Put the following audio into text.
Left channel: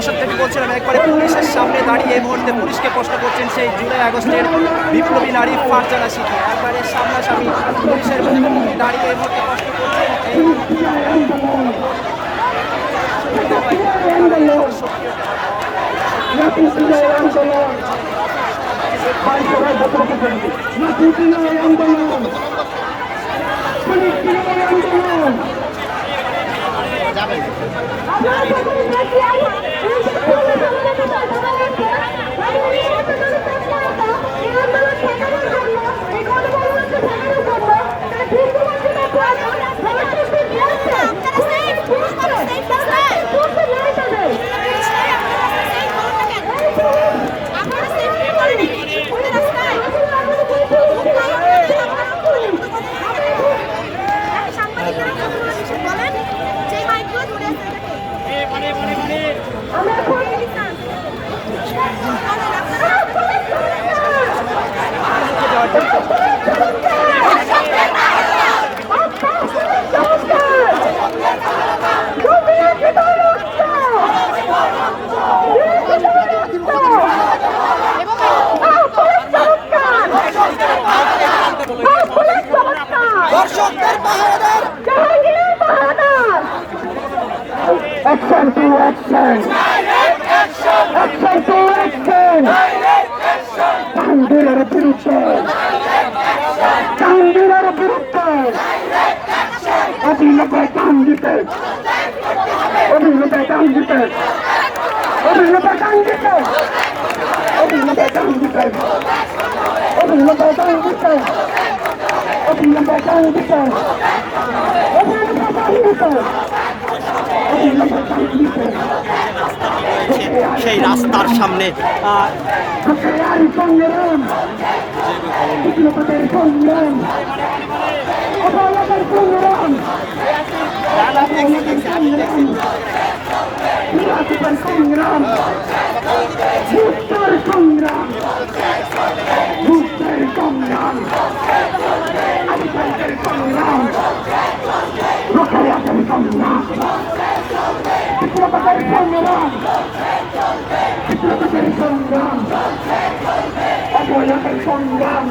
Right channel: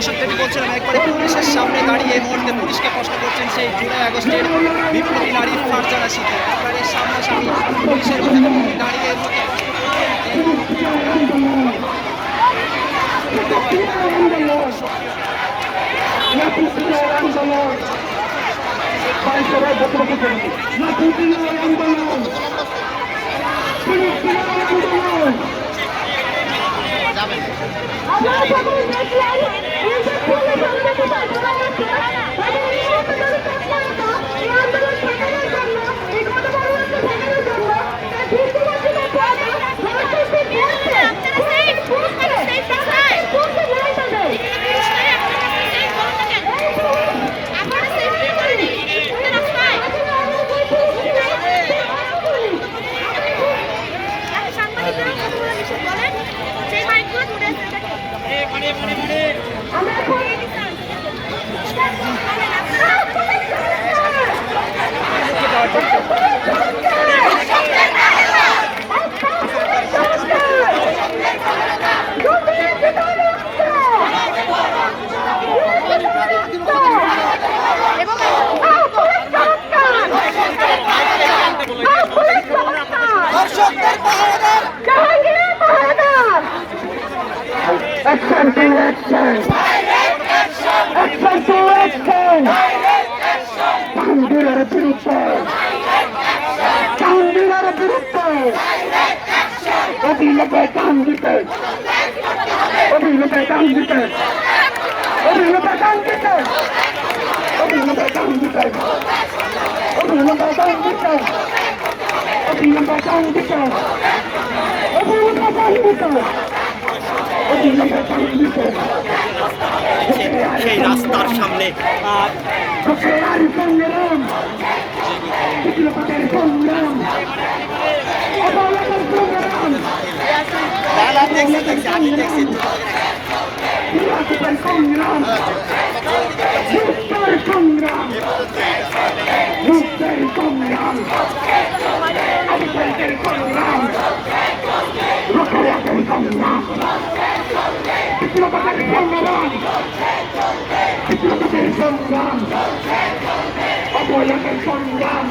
দর্শক যেটি বলছিলেন একবারে পুলিশের সামনে দাঁড়িয়ে এই মুহূর্তে পুলিশকে প্রশ্ন করছেন সেই জুলাই আগস্টের বিপ্লবী নারীর ফারজানা শীতে একেবারে সামনাসামনি পুলিশের মুখোমুখি দাঁড়িয়ে এই মুহূর্তে Action to action! Action to action! কামদুরের বিরুদ্ধে অবিলম্বে কাম দিতে অবিলম্বে কাম দিতে অবিলম্বে কাম দিতে অবিলম্বে কাম দিতে অবিলম্বে কাম দিতে অবিলম্বে কাম দিতে অবিলম্বে কাম দিতে সেই রাস্তার সামনে সংগ্রাম বিপ্লবের সংগ্রাম সংগ্রাম মুক্তের সংগ্রাম মুক্তের সংগ্রাম আধিকারিকের সংগ্রাম রক্ষার সংগ্রাম বিপ্লবের সংগ্রাম বিপ্লবের সংগ্রাম অবহেলার সংগ্রাম